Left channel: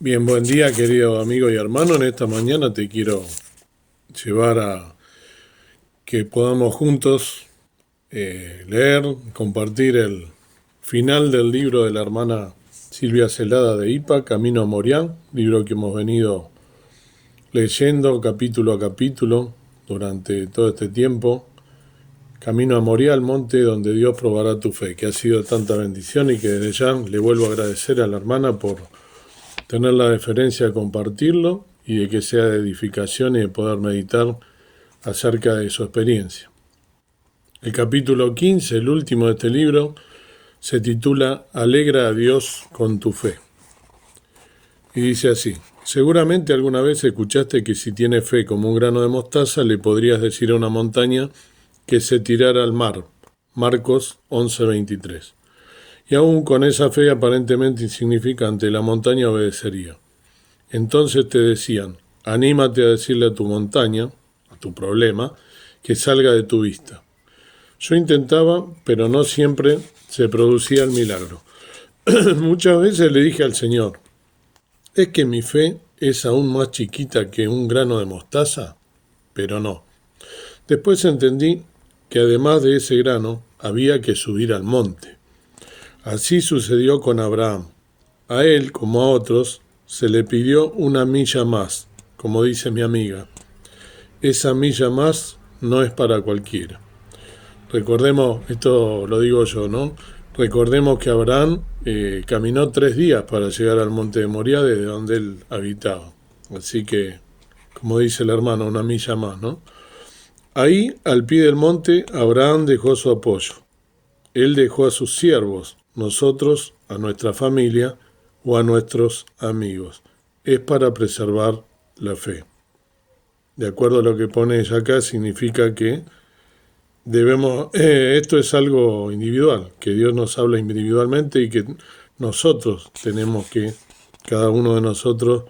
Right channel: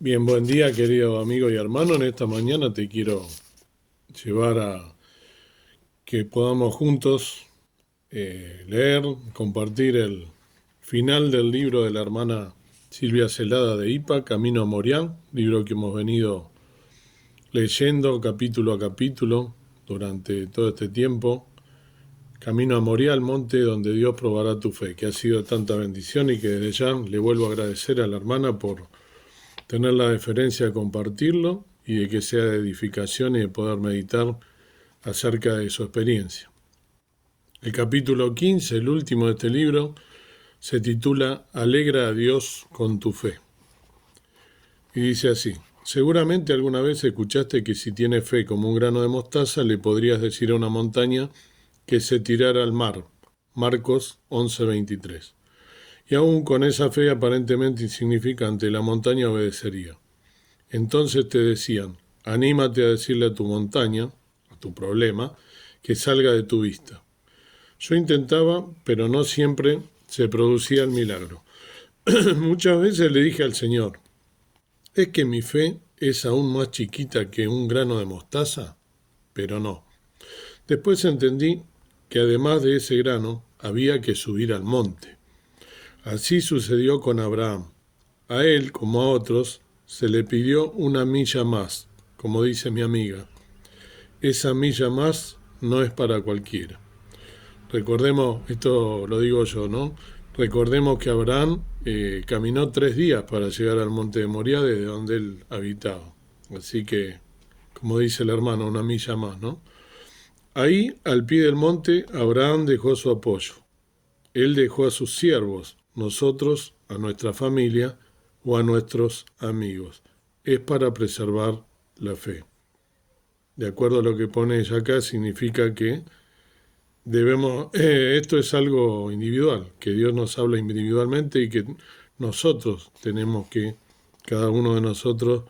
Bien, buen día querido amigo y hermano. En esta mañana te quiero llevar a que podamos juntos leer, compartir el final del libro de la hermana Silvia Celada de IPA, Camino a Moriah, libro que hemos venido leyendo capítulo a capítulo durante todo este tiempo. Camino a Moriah, el monte donde Dios probará tu fe, que ha sido tanta bendición y que desde ya le vuelvo a agradecer a la hermana por tener la deferencia de compartirlo y de que sea de edificación y de poder meditar acerca de su experiencia. El capítulo 15, el último de este libro, se titula Alegra a Dios con tu fe. Y dice así: seguramente alguna vez escuchaste que si tienes fe como un grano de mostaza, le podrías decir a una montaña que se tirara al mar. Marcos 11:23. Y aún con esa fe aparentemente insignificante, la montaña obedecería. Entonces te decían: anímate a decirle a tu montaña, a tu problema, que salga de tu vista. Yo intentaba, pero no siempre se producía el milagro. Muchas veces le dije al Señor: ¿es que mi fe es aún más chiquita que un grano de mostaza? Pero no. Después entendí que además de ese grano, había que subir al monte. Así sucedió con Abraham. A él, como a otros, se le pidió una milla más, como dice mi amiga. Esa milla más no es para cualquiera. Recordemos, esto lo digo yo, ¿no? Recordemos que Abraham caminó 3 días para llegar al monte de Moriah desde donde él habitaba. Así que, como dice el hermano, una milla más, ¿no? Ahí, al pie del monte, Abraham dejó su apoyo. Él dejó a sus siervos, nosotros a nuestra familia o a nuestros amigos. Es para preservar la fe. De acuerdo a lo que pone ella acá, significa que debemos, esto es algo individual, que Dios nos habla individualmente y que nosotros tenemos que, cada uno de nosotros,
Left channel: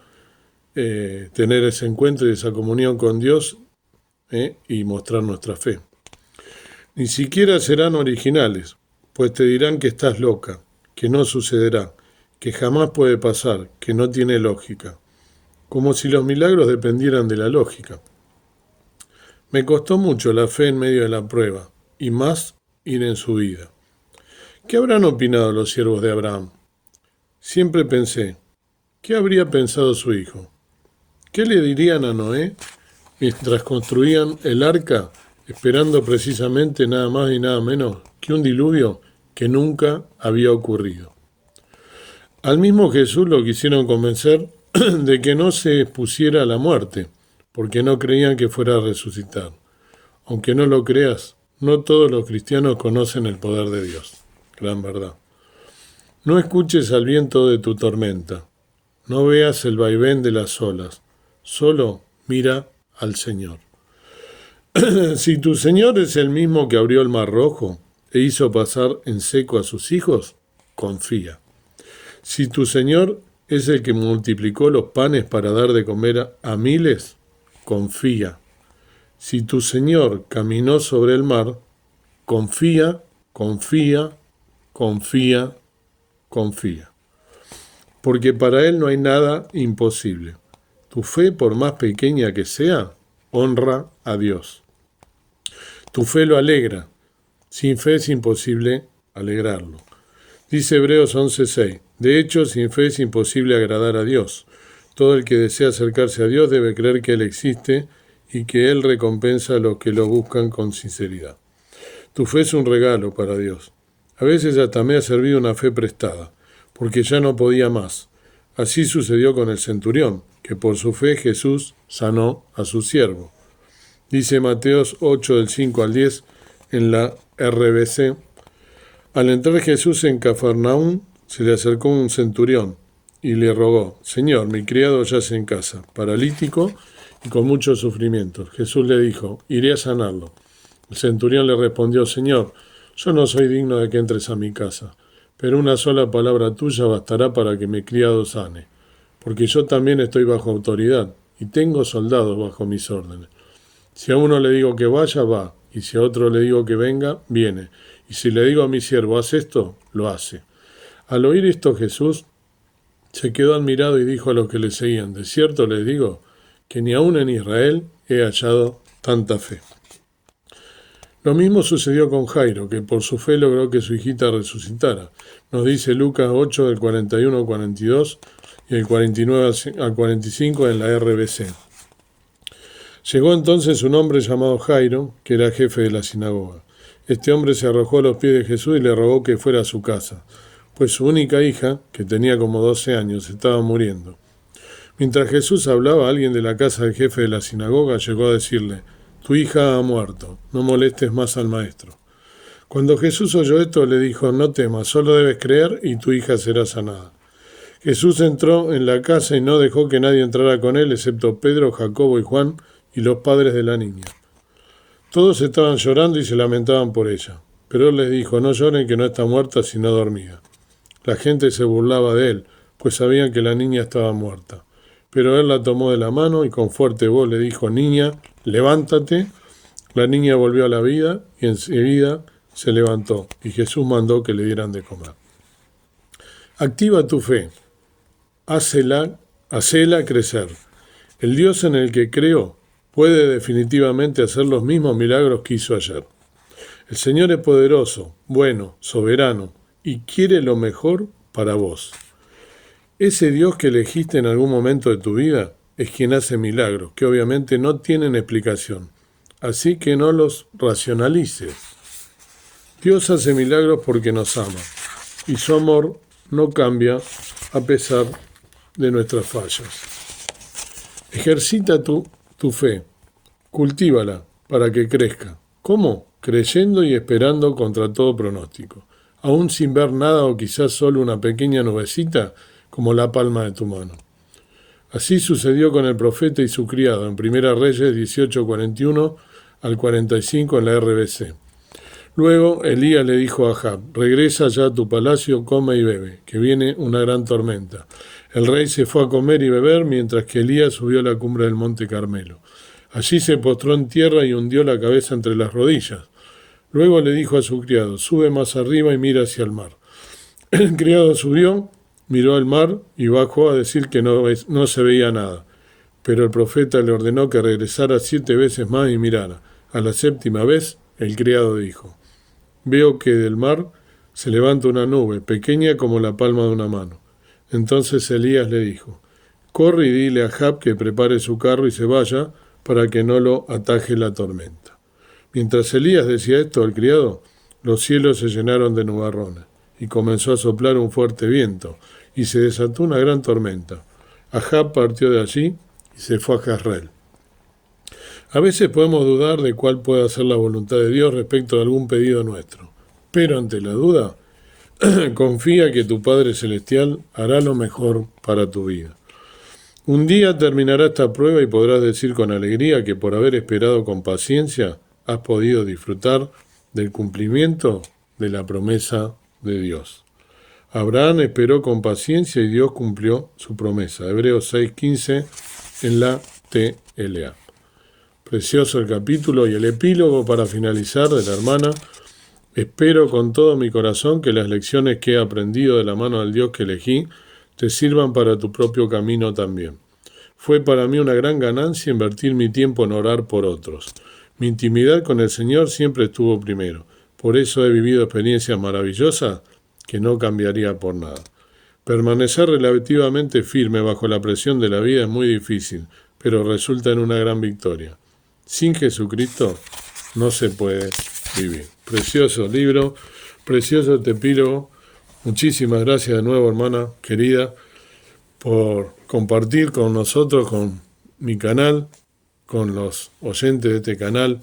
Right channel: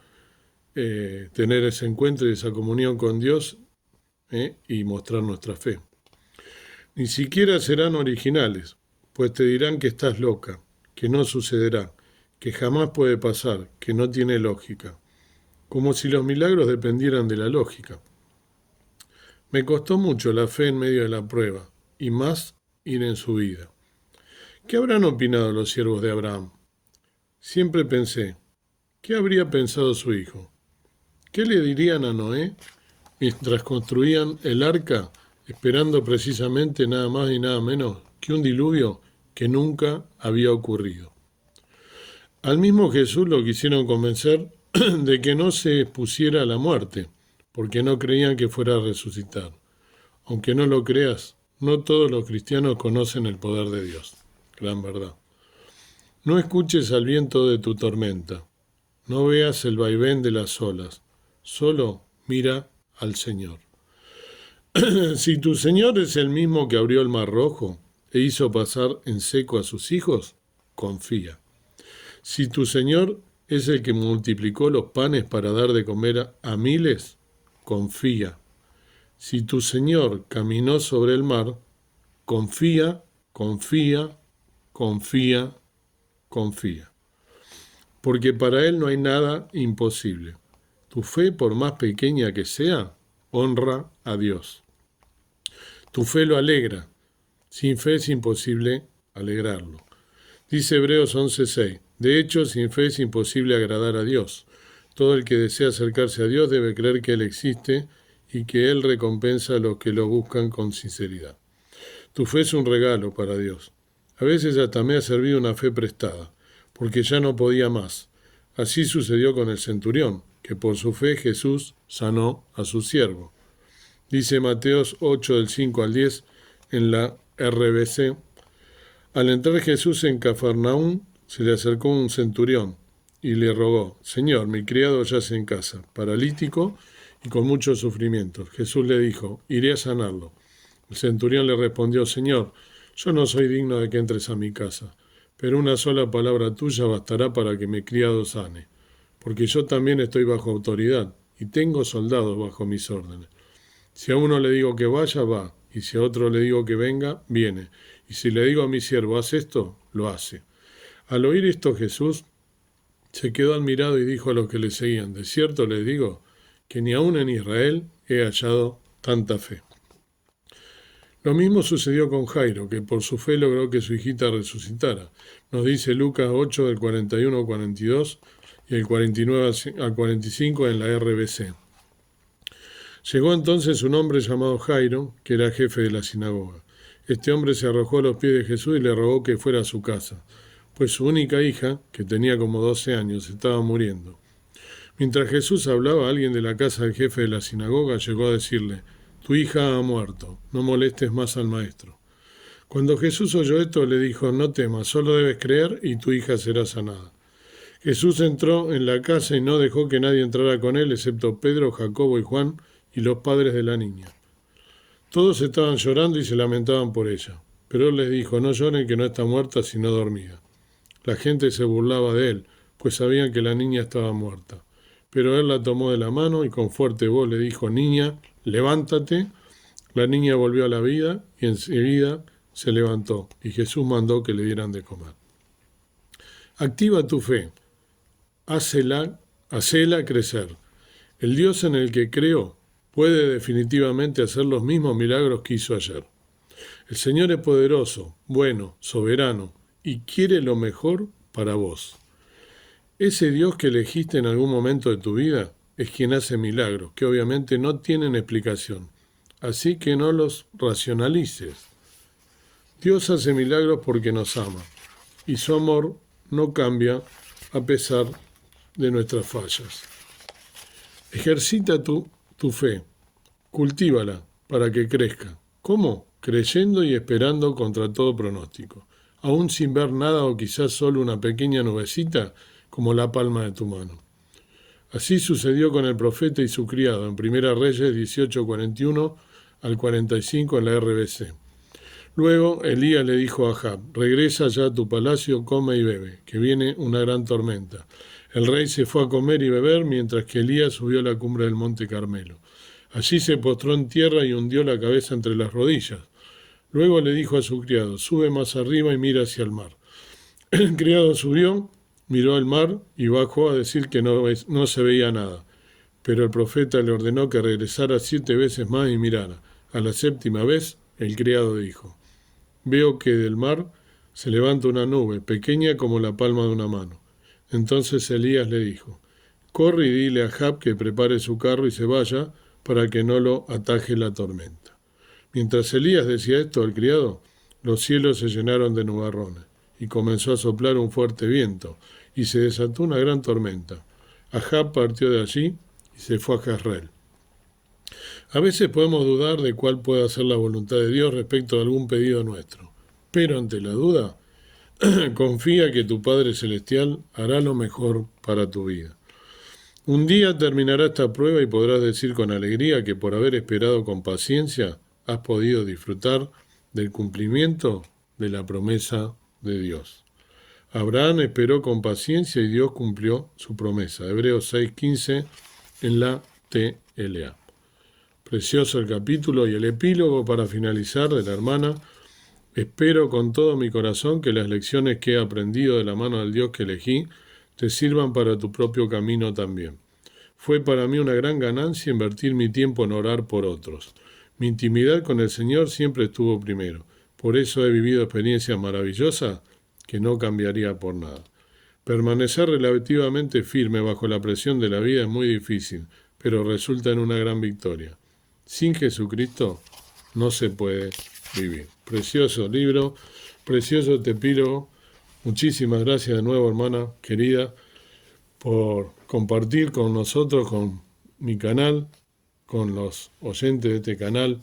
tener ese encuentro y esa comunión con Dios y mostrar nuestra fe. Ni siquiera serán originales, pues te dirán que estás loca, que no sucederá, que jamás puede pasar, que no tiene lógica, como si los milagros dependieran de la lógica. Me costó mucho la fe en medio de la prueba, y más ir en su vida. ¿Qué habrán opinado los siervos de Abraham? Siempre pensé: ¿qué habría pensado su hijo? ¿Qué le dirían a Noé mientras construían el arca, esperando precisamente nada más y nada menos que un diluvio que nunca había ocurrido? Al mismo Jesús lo quisieron convencer de que no se expusiera a la muerte, porque no creían que fuera a resucitar. Aunque no lo creas, no todos los cristianos conocen el poder de Dios. Gran verdad. No escuches al viento de tu tormenta. No veas el vaivén de las olas. Solo mira al Señor. Si tu Señor es el mismo que abrió el mar rojo e hizo pasar en seco a sus hijos, confía. Si tu Señor es el que multiplicó los panes para dar de comer a miles, confía. Si tu Señor caminó sobre el mar, confía, confía, confía, confía. Porque para Él no hay nada imposible. Tu fe, por más pequeña que sea, honra a Dios. Tu fe lo alegra. Sin fe es imposible alegrarlo. Dice Hebreos 11:6. De hecho, sin fe es imposible agradar a Dios. Todo el que desea acercarse a Dios debe creer que Él existe y que Él recompensa a los que lo buscan con sinceridad. Tu fe es un regalo para Dios. A veces hasta me ha servido una fe prestada, porque ya no podía más. Así sucedió con el centurión, que por su fe Jesús sanó a su siervo. Dice Mateos 8 del 5 al 10 en la RBC. Al entrar Jesús en Cafarnaúm, se le acercó un centurión y le rogó: Señor, mi criado yace en casa, paralítico y con muchos sufrimientos. Jesús le dijo: iré a sanarlo. El centurión le respondió: Señor, yo no soy digno de que entres a mi casa, pero una sola palabra tuya bastará para que mi criado sane, porque yo también estoy bajo autoridad y tengo soldados bajo mis órdenes. Si a uno le digo que vaya, va, y si a otro le digo que venga, viene, y si le digo a mi siervo, haz esto, lo hace. Al oír esto Jesús Se quedó admirado y dijo a los que le seguían: de cierto les digo que ni aun en Israel he hallado tanta fe. Lo mismo sucedió con Jairo, que por su fe logró que su hijita resucitara. Nos dice Lucas 8, del 41 al 42 y el 49 al 45 en la RBC. Llegó entonces un hombre llamado Jairo, que era jefe de la sinagoga. Este hombre se arrojó a los pies de Jesús y le rogó que fuera a su casa, pues su única hija, que tenía como 12 años, estaba muriendo. Mientras Jesús hablaba, alguien de la casa del jefe de la sinagoga llegó a decirle: tu hija ha muerto, no molestes más al maestro. Cuando Jesús oyó esto, le dijo: no temas, solo debes creer y tu hija será sanada. Jesús entró en la casa y no dejó que nadie entrara con él, excepto Pedro, Jacobo y Juan y los padres de la niña. Todos estaban llorando y se lamentaban por ella, pero él les dijo: no lloren, que no está muerta, sino dormida. La gente se burlaba de él, pues sabían que la niña estaba muerta. Pero él la tomó de la mano y con fuerte voz le dijo: niña, levántate. La niña volvió a la vida y enseguida se levantó, y Jesús mandó que le dieran de comer. Activa tu fe, hacela crecer. El Dios en el que creo puede definitivamente hacer los mismos milagros que hizo ayer. El Señor es poderoso, bueno, soberano, y quiere lo mejor para vos. Ese Dios que elegiste en algún momento de tu vida es quien hace milagros, que obviamente no tienen explicación. Así que no los racionalices. Dios hace milagros porque nos ama, y su amor no cambia a pesar de nuestras fallas. Ejercita tu fe, cultívala para que crezca. ¿Cómo? Creyendo y esperando contra todo pronóstico, aún sin ver nada o quizás solo una pequeña nubecita como la palma de tu mano. Así sucedió con el profeta y su criado en 1 Reyes 18:41 al 45 en la RBC. Luego Elías le dijo a Ahab: regresa ya a tu palacio, come y bebe, que viene una gran tormenta. El rey se fue a comer y beber mientras que Elías subió a la cumbre del monte Carmelo. Allí se postró en tierra y hundió la cabeza entre las rodillas. Luego le dijo a su criado: sube más arriba y mira hacia el mar. El criado subió, miró al mar y bajó a decir que no se veía nada. Pero el profeta le ordenó que regresara 7 veces más y mirara. A la 7ª vez, el criado dijo: veo que del mar se levanta una nube, pequeña como la palma de una mano. Entonces Elías le dijo: corre y dile a Ahab que prepare su carro y se vaya para que no lo ataje la tormenta. Mientras Elías decía esto al criado, los cielos se llenaron de nubarrones y comenzó a soplar un fuerte viento y se desató una gran tormenta. Ahab partió de allí y se fue a Jezreel. A veces podemos dudar de cuál pueda ser la voluntad de Dios respecto a algún pedido nuestro, pero ante la duda, confía que tu Padre Celestial hará lo mejor para tu vida. Un día terminará esta prueba y podrás decir con alegría que por haber esperado con paciencia has podido disfrutar del cumplimiento de la promesa de Dios. Abraham esperó con paciencia y Dios cumplió su promesa. Hebreos 6:15 en la TLA. Precioso el capítulo y el epílogo para finalizar de la hermana. Espero con todo mi corazón que las lecciones que he aprendido de la mano del Dios que elegí te sirvan para tu propio camino también. Fue para mí una gran ganancia invertir mi tiempo en orar por otros. Mi intimidad con el Señor siempre estuvo primero. Por eso he vivido experiencias maravillosas que no cambiaría por nada. Permanecer relativamente firme bajo la presión de la vida es muy difícil, pero resulta en una gran victoria. Sin Jesucristo no se puede vivir. Precioso libro, precioso este epílogo. Muchísimas gracias de nuevo, hermana querida, por compartir con nosotros, con mi canal, con los oyentes de este canal,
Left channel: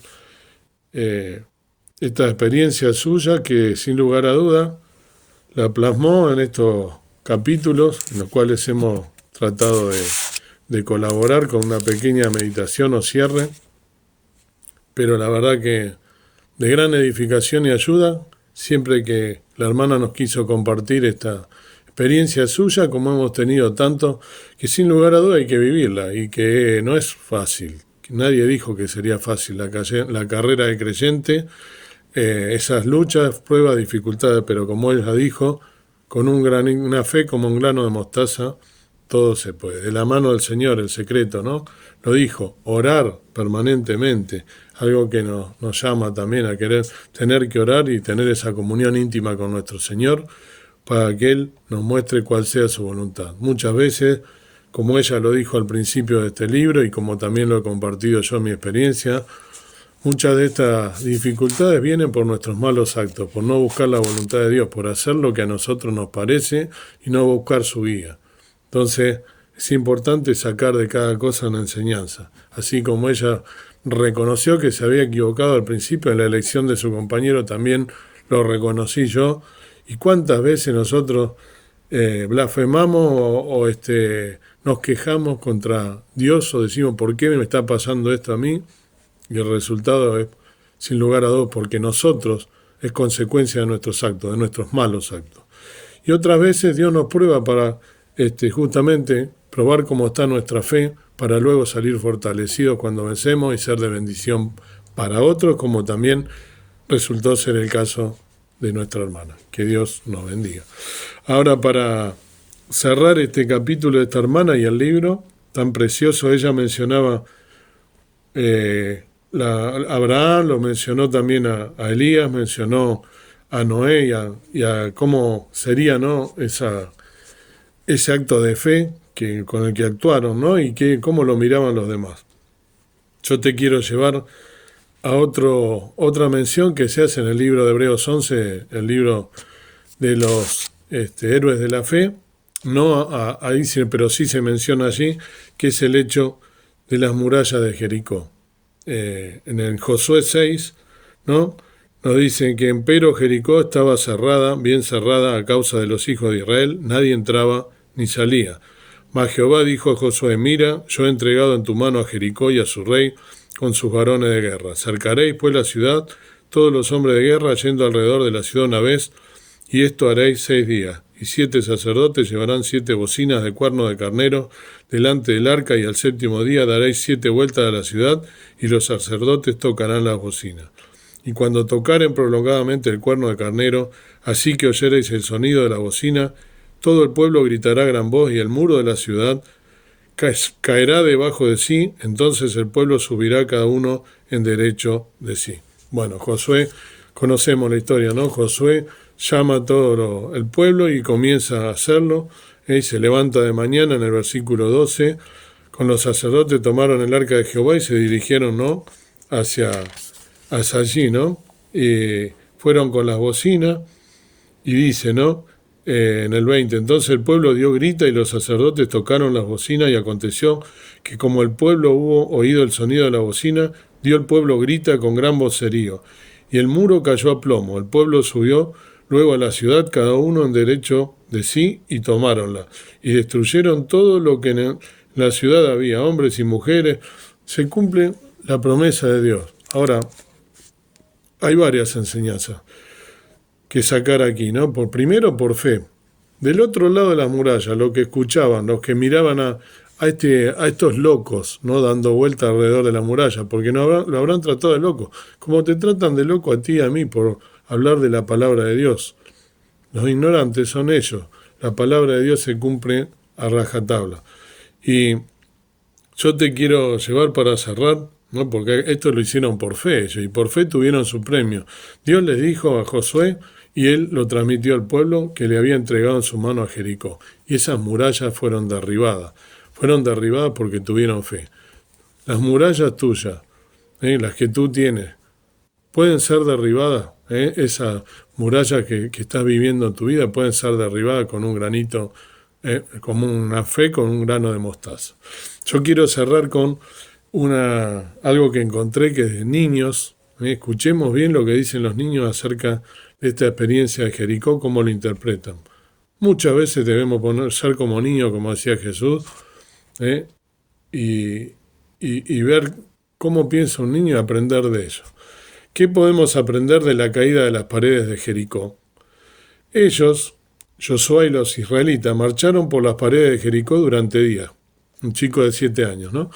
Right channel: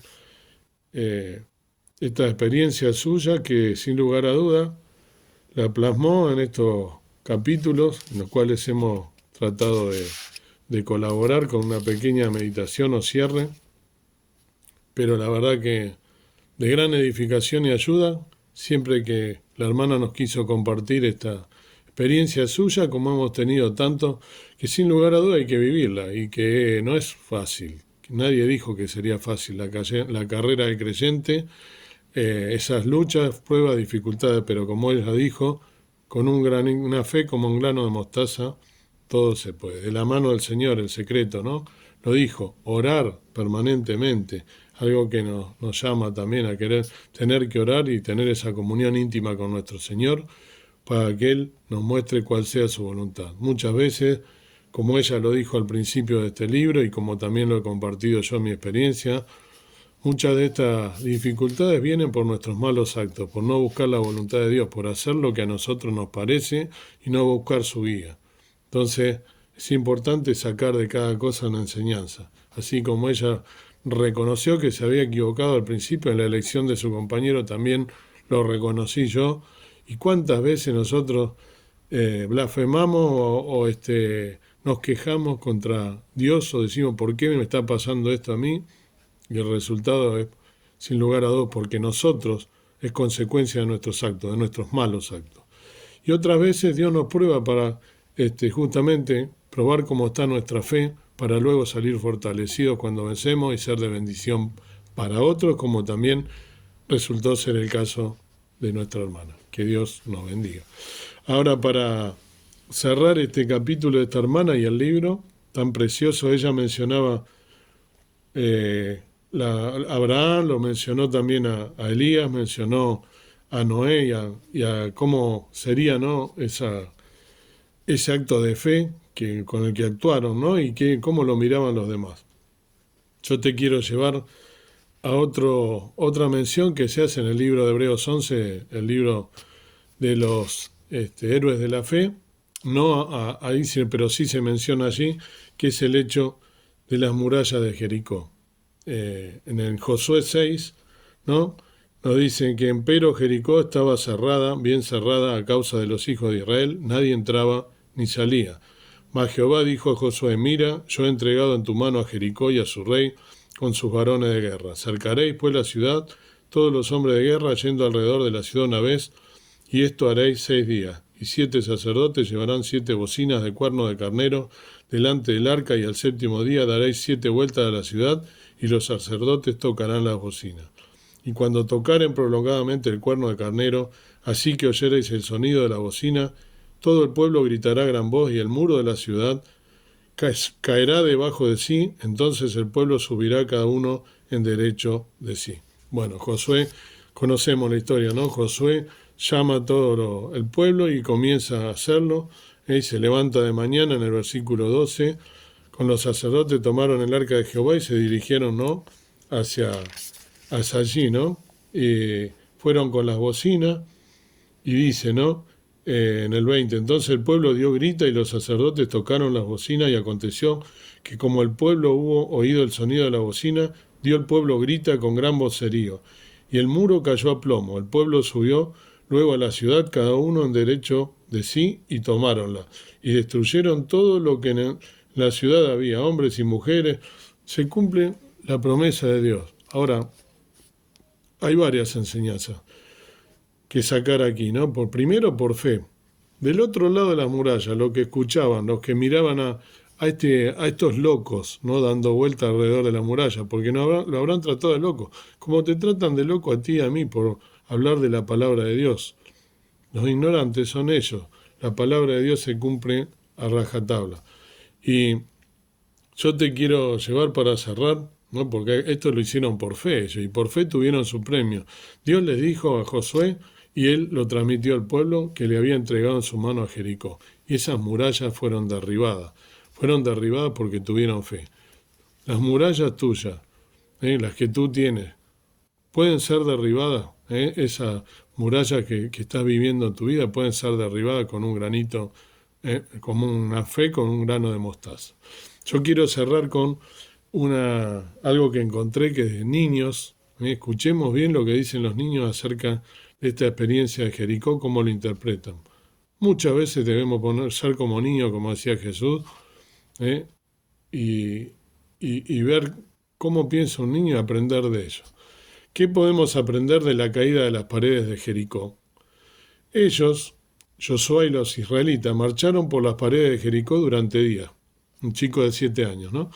esta experiencia suya que sin lugar a duda la plasmó en estos capítulos en los cuales hemos tratado de colaborar con una pequeña meditación o cierre, pero la verdad que de gran edificación y ayuda, siempre que la hermana nos quiso compartir esta experiencia suya, como hemos tenido tanto, que sin lugar a duda hay que vivirla y que no es fácil. Nadie dijo que sería fácil la carrera de creyente, esas luchas, pruebas, dificultades, pero como ella dijo, con una fe como un grano de mostaza, todo se puede. De la mano del Señor, el secreto, ¿no? Lo dijo, orar permanentemente, algo que nos llama también a querer tener que orar y tener esa comunión íntima con nuestro Señor para que Él nos muestre cuál sea su voluntad. Muchas veces, como ella lo dijo al principio de este libro y como también lo he compartido yo en mi experiencia, muchas de estas dificultades vienen por nuestros malos actos, por no buscar la voluntad de Dios, por hacer lo que a nosotros nos parece y no buscar su guía. Entonces, es importante sacar de cada cosa una enseñanza. Así como ella reconoció que se había equivocado al principio en la elección de su compañero, también lo reconocí yo. ¿Y cuántas veces nosotros blasfemamos nos quejamos contra Dios o decimos, ¿por qué me está pasando esto a mí? Y el resultado es, sin lugar a dudas, porque nosotros es consecuencia de nuestros actos, de nuestros malos actos. Y otras veces Dios nos prueba para justamente probar cómo está nuestra fe, para luego salir fortalecidos cuando vencemos y ser de bendición para otros, como también resultó ser el caso de nuestra hermana. Que Dios nos bendiga. Ahora, para cerrar este capítulo de esta hermana y el libro tan precioso, ella mencionaba Abraham, lo mencionó también a Elías, mencionó a Noé y a cómo sería, ¿no?, ese acto de fe con el que actuaron, ¿no?, y cómo lo miraban los demás. Yo te quiero llevar a otra mención que se hace en el libro de Hebreos 11, el libro de los héroes de la fe, no ahí, pero sí se menciona allí, que es el hecho de las murallas de Jericó. En el Josué 6, ¿no?, nos dicen que empero Jericó estaba cerrada, bien cerrada a causa de los hijos de Israel, nadie entraba ni salía. Mas Jehová dijo a Josué, mira, yo he entregado en tu mano a Jericó y a su rey con sus varones de guerra. Cercaréis pues la ciudad, todos los hombres de guerra yendo alrededor de la ciudad una vez, y esto haréis 6 días. Y 7 sacerdotes llevarán 7 bocinas de cuerno de carnero delante del arca, y al 7º día daréis 7 vueltas a la ciudad, y los sacerdotes tocarán las bocinas. Y cuando tocaren prolongadamente el cuerno de carnero, así que oyereis el sonido de la bocina, todo el pueblo gritará a gran voz, y el muro de la ciudad caerá debajo de sí, entonces el pueblo subirá cada uno en derecho de sí. Bueno, Josué, conocemos la historia, ¿no? Josué llama a todo el pueblo y comienza a hacerlo, y se levanta de mañana en el versículo 12, con los sacerdotes tomaron el arca de Jehová y se dirigieron, ¿no?, hacia allí, ¿no? Fueron con las bocinas y dice, ¿no?, en el 20, entonces el pueblo dio grita y los sacerdotes tocaron las bocinas, y aconteció que como el pueblo hubo oído el sonido de la bocina, dio el pueblo grita con gran vocerío, y el muro cayó a plomo. El pueblo subió luego a la ciudad, cada uno en derecho de sí, y tomáronla, y destruyeron todo lo que en la ciudad había, hombres y mujeres. Se cumple la promesa de Dios. Ahora, hay varias enseñanzas que sacar aquí, ¿no? Primero, por fe. Del otro lado de las murallas, lo que escuchaban, los que miraban a estos locos, ¿no?, dando vuelta alrededor de la muralla, porque lo habrán tratado de loco, como te tratan de loco a ti y a mí por hablar de la palabra de Dios. Los ignorantes son ellos. La palabra de Dios se cumple a rajatabla. Y yo te quiero llevar para cerrar, ¿no?, porque esto lo hicieron por fe ellos, y por fe tuvieron su premio. Dios les dijo a Josué, y él lo transmitió al pueblo, que le había entregado en su mano a Jericó. Y esas murallas fueron derribadas. Fueron derribadas porque tuvieron fe. Las murallas tuyas, las que tú tienes, pueden ser derribadas. Esas murallas que estás viviendo en tu vida pueden ser derribadas con un granito, como una fe, con un grano de mostaza. Yo quiero cerrar con algo que encontré, que es de niños. Escuchemos bien lo que dicen los niños acerca de esta experiencia de Jericó, cómo lo interpretan. Muchas veces debemos ser como niños, como decía Jesús, y ver cómo piensa un niño y aprender de ello. ¿Qué podemos aprender de la caída de las paredes de Jericó? Ellos, Josué y los israelitas, marcharon por las paredes de Jericó durante días. Un chico de 7 años, ¿no?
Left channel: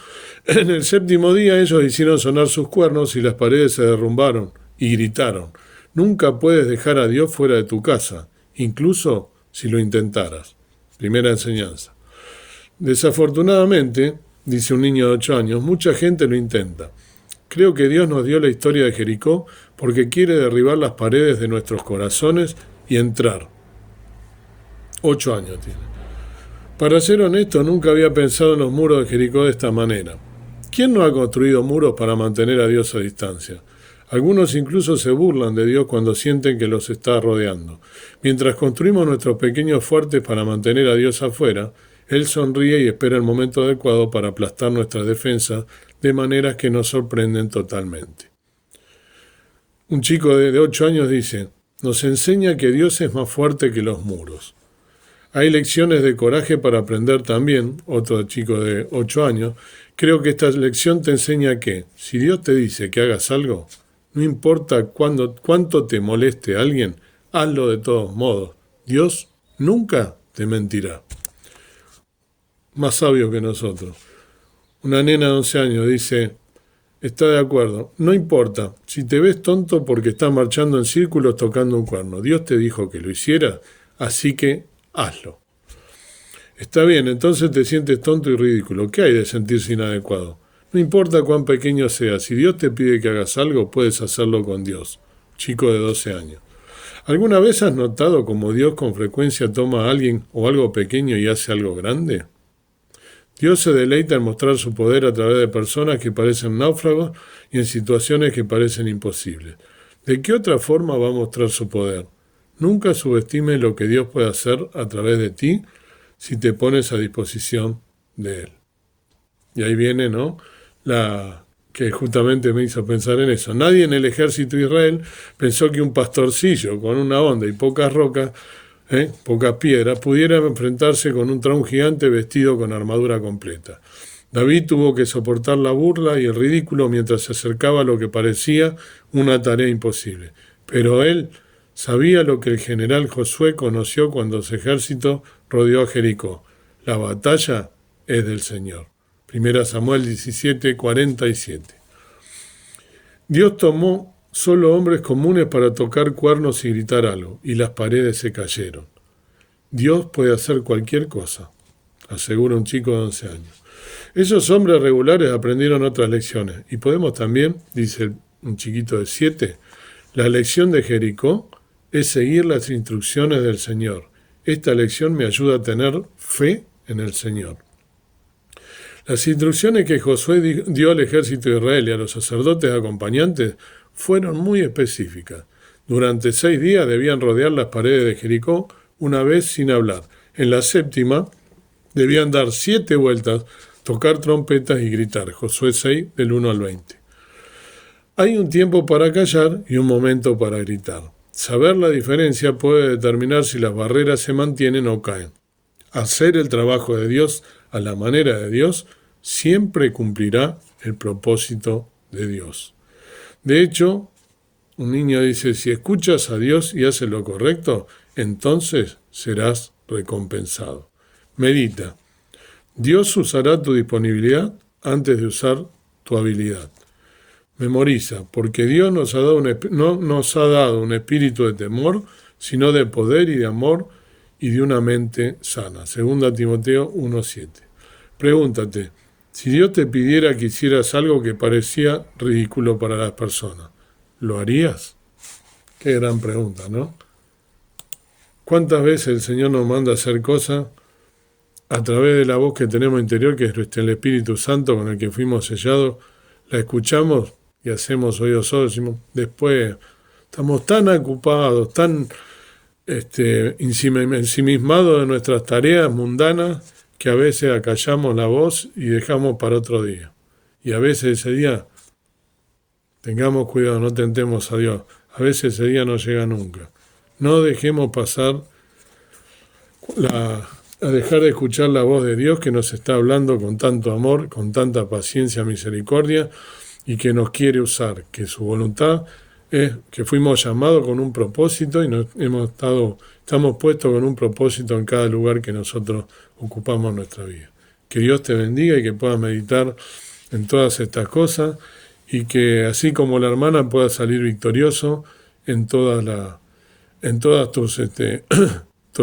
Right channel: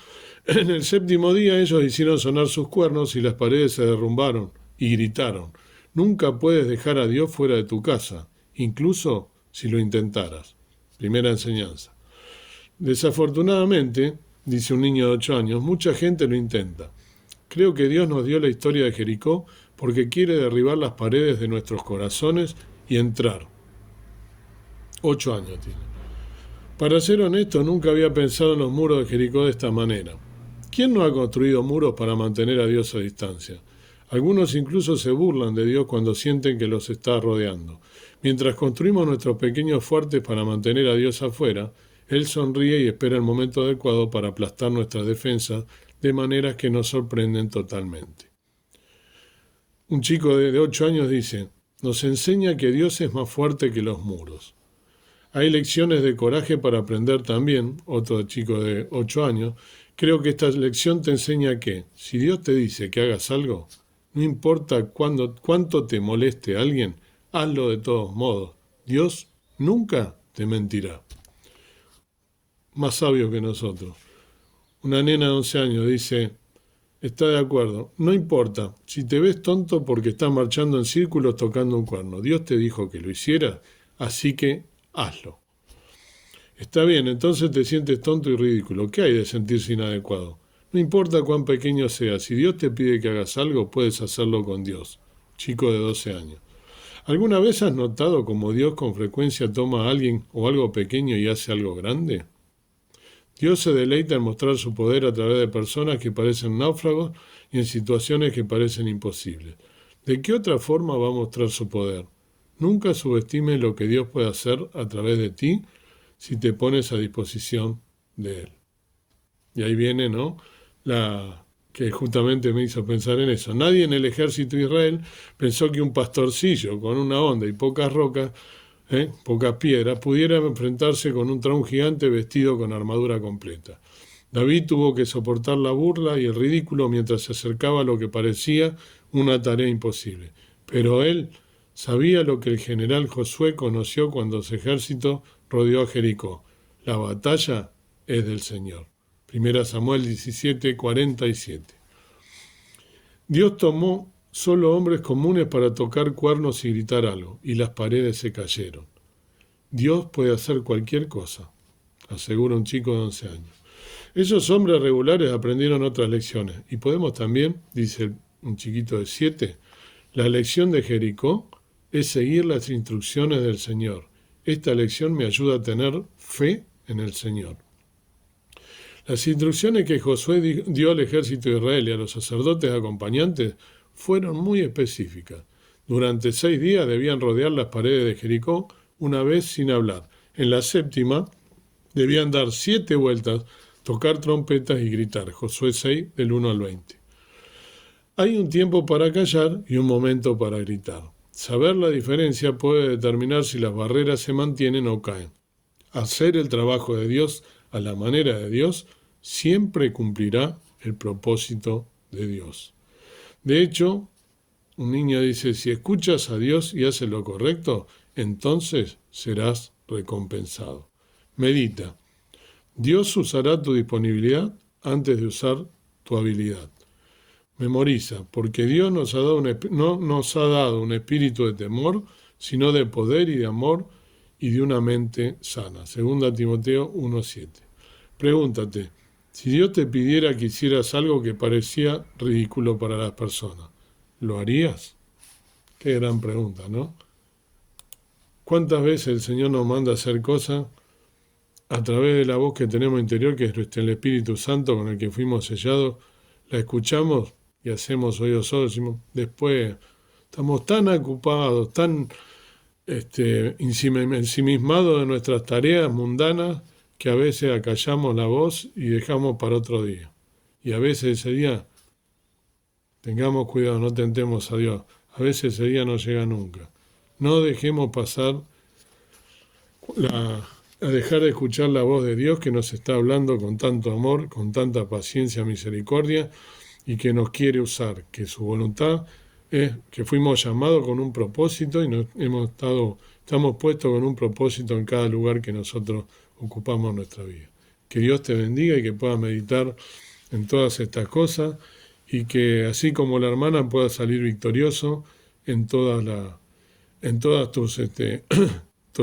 En el 7º día ellos hicieron sonar sus cuernos y las paredes se derrumbaron y gritaron: nunca puedes dejar a Dios fuera de tu casa, incluso si lo intentaras. Primera enseñanza. Desafortunadamente, dice un niño de 8 años, mucha gente lo intenta. Creo que Dios nos dio la historia de Jericó porque quiere derribar las paredes de nuestros corazones y entrar. 8 años tiene. Para ser honesto, nunca había pensado en los muros de Jericó de esta manera. ¿Quién no ha construido muros para mantener a Dios a distancia? Algunos incluso se burlan de Dios cuando sienten que los está rodeando. Mientras construimos nuestros pequeños fuertes para mantener a Dios afuera, Él sonríe y espera el momento adecuado para aplastar nuestras defensas de maneras que nos sorprenden totalmente. Un chico de 8 años dice, nos enseña que Dios es más fuerte que los muros. Hay lecciones de coraje para aprender también, otro chico de 8 años. Creo que esta lección te enseña que, si Dios te dice que hagas algo, no importa cuánto te moleste a alguien, hazlo de todos modos. Dios nunca te mentirá. Más sabio que nosotros. Una nena de 11 años dice, está de acuerdo, no importa, si te ves tonto porque estás marchando en círculos tocando un cuerno. Dios te dijo que lo hicieras, así que hazlo. Está bien, entonces te sientes tonto y ridículo. ¿Qué hay de sentirse inadecuado? No importa cuán pequeño sea, si Dios te pide que hagas algo, puedes hacerlo con Dios. Chico de 12 años. ¿Alguna vez has notado cómo Dios con frecuencia toma a alguien o algo pequeño y hace algo grande? Dios se deleita en mostrar su poder a través de personas que parecen náufragos y en situaciones que parecen imposibles. ¿De qué otra forma va a mostrar su poder? Nunca subestimes lo que Dios puede hacer a través de ti si te pones a disposición de Él. Y ahí viene, ¿no?, la que justamente me hizo pensar en eso. Nadie en el ejército de Israel pensó que un pastorcillo con una onda y pocas rocas, pocas piedras, pudiera enfrentarse con un traún gigante vestido con armadura completa. David tuvo que soportar la burla y el ridículo mientras se acercaba a lo que parecía una tarea imposible. Pero él sabía lo que el general Josué conoció cuando su ejército rodeó a Jericó. La batalla es del Señor. 1 Samuel 17, 47. Dios tomó solo hombres comunes para tocar cuernos y gritar algo, y las paredes se cayeron. Dios puede hacer cualquier cosa, asegura un chico de 11 años. Esos hombres regulares aprendieron otras lecciones, y podemos también, dice un chiquito de 7, la lección de Jericó es seguir las instrucciones del Señor. Esta lección me ayuda a tener fe en el Señor. Las instrucciones que Josué dio al ejército de Israel y a los sacerdotes acompañantes fueron muy específicas. Durante 6 días debían rodear las paredes de Jericó una vez sin hablar. En la 7ª debían dar 7 vueltas, tocar trompetas y gritar. Josué 6, del 1 al 20. Hay un tiempo para callar y un momento para gritar. Saber la diferencia puede determinar si las barreras se mantienen o caen. Hacer el trabajo de Dios a la manera de Dios siempre cumplirá el propósito de Dios. De hecho, un niño dice, si escuchas a Dios y haces lo correcto, entonces serás recompensado. Medita. Dios usará tu disponibilidad antes de usar tu habilidad. Memoriza, porque Dios no nos ha dado un espíritu de temor, sino de poder y de amor y de una mente sana. 2 Timoteo 1:7. Pregúntate, si Dios te pidiera que hicieras algo que parecía ridículo para las personas, ¿lo harías? Qué gran pregunta, ¿no? ¿Cuántas veces el Señor nos manda a hacer cosas a través de la voz que tenemos interior, que es el Espíritu Santo con el que fuimos sellados? La escuchamos y hacemos oídos sordos. Después estamos tan ocupados, tan ensimismados de nuestras tareas mundanas, que a veces acallamos la voz y dejamos para otro día. Y a veces ese día, tengamos cuidado, no tentemos a Dios. A veces ese día no llega nunca. No dejemos pasar a dejar de escuchar la voz de Dios que nos está hablando con tanto amor, con tanta paciencia, misericordia, y que nos quiere usar, que su voluntad es que fuimos llamados con un propósito y estamos puestos con un propósito en cada lugar que nosotros ocupamos nuestra vida. Que Dios te bendiga y que puedas meditar en todas estas cosas y que así como la hermana puedas salir victorioso en todas tus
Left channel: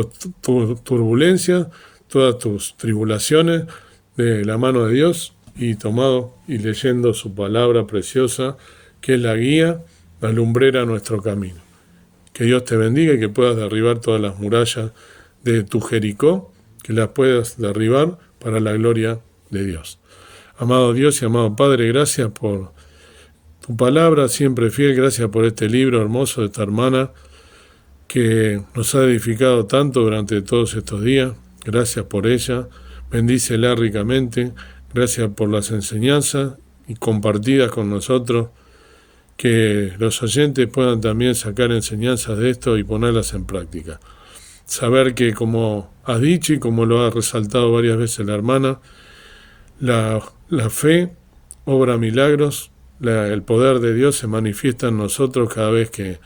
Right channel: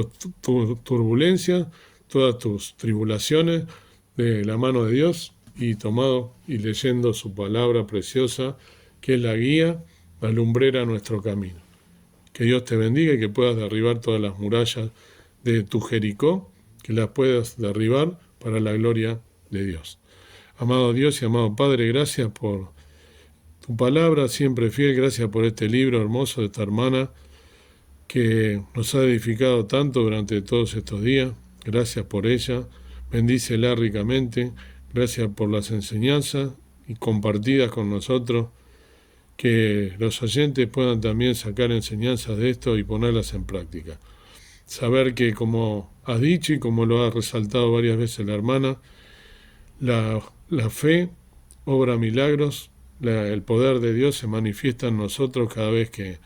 tus turbulencias, todas tus tribulaciones de la mano de Dios y tomado y leyendo su palabra preciosa, que es la guía, la lumbrera a nuestro camino. Que Dios te bendiga y que puedas derribar todas las murallas de tu Jericó, que las puedas derribar para la gloria de Dios. Amado Dios y amado Padre, gracias por tu palabra siempre fiel, gracias por este libro hermoso de esta hermana que nos ha edificado tanto durante todos estos días. Gracias por ella, bendícela ricamente, gracias por las enseñanzas y compartidas con nosotros, que los oyentes puedan también sacar enseñanzas de esto y ponerlas en práctica. Saber que, como has dicho y como lo ha resaltado varias veces la hermana, la fe obra milagros, el poder de Dios se manifiesta en nosotros cada vez que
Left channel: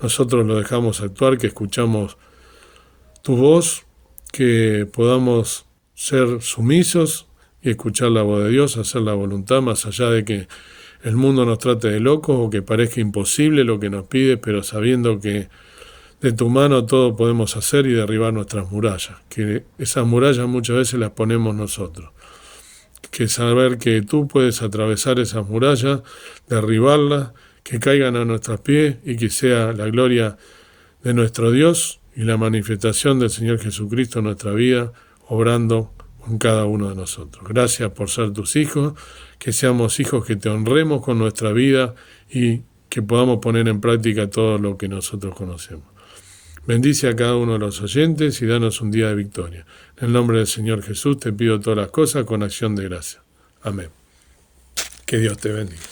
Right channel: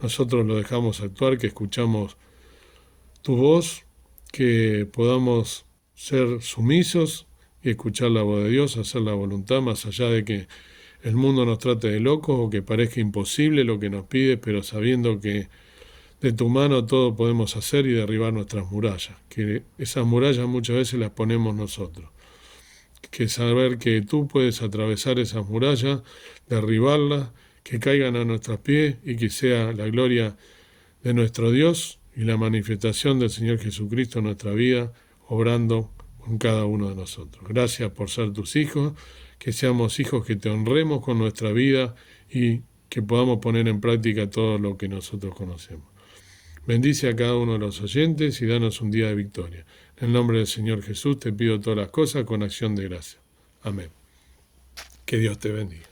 nosotros lo dejamos actuar, que escuchamos tu voz, que podamos ser sumisos y escuchar la voz de Dios, hacer la voluntad, más allá de que el mundo nos trate de locos o que parezca imposible lo que nos pide, pero sabiendo que de tu mano todo podemos hacer y derribar nuestras murallas, que esas murallas muchas veces las ponemos nosotros. Que saber que tú puedes atravesar esas murallas, derribarlas, que caigan a nuestros pies y que sea la gloria de nuestro Dios y la manifestación del Señor Jesucristo en nuestra vida, obrando con cada uno de nosotros. Gracias por ser tus hijos, que seamos hijos que te honremos con nuestra vida y que podamos poner en práctica todo lo que nosotros conocemos. Bendice a cada uno de los oyentes y danos un día de victoria. En el nombre del Señor Jesús te pido todas las cosas con acción de gracia. Amén. Que Dios te bendiga.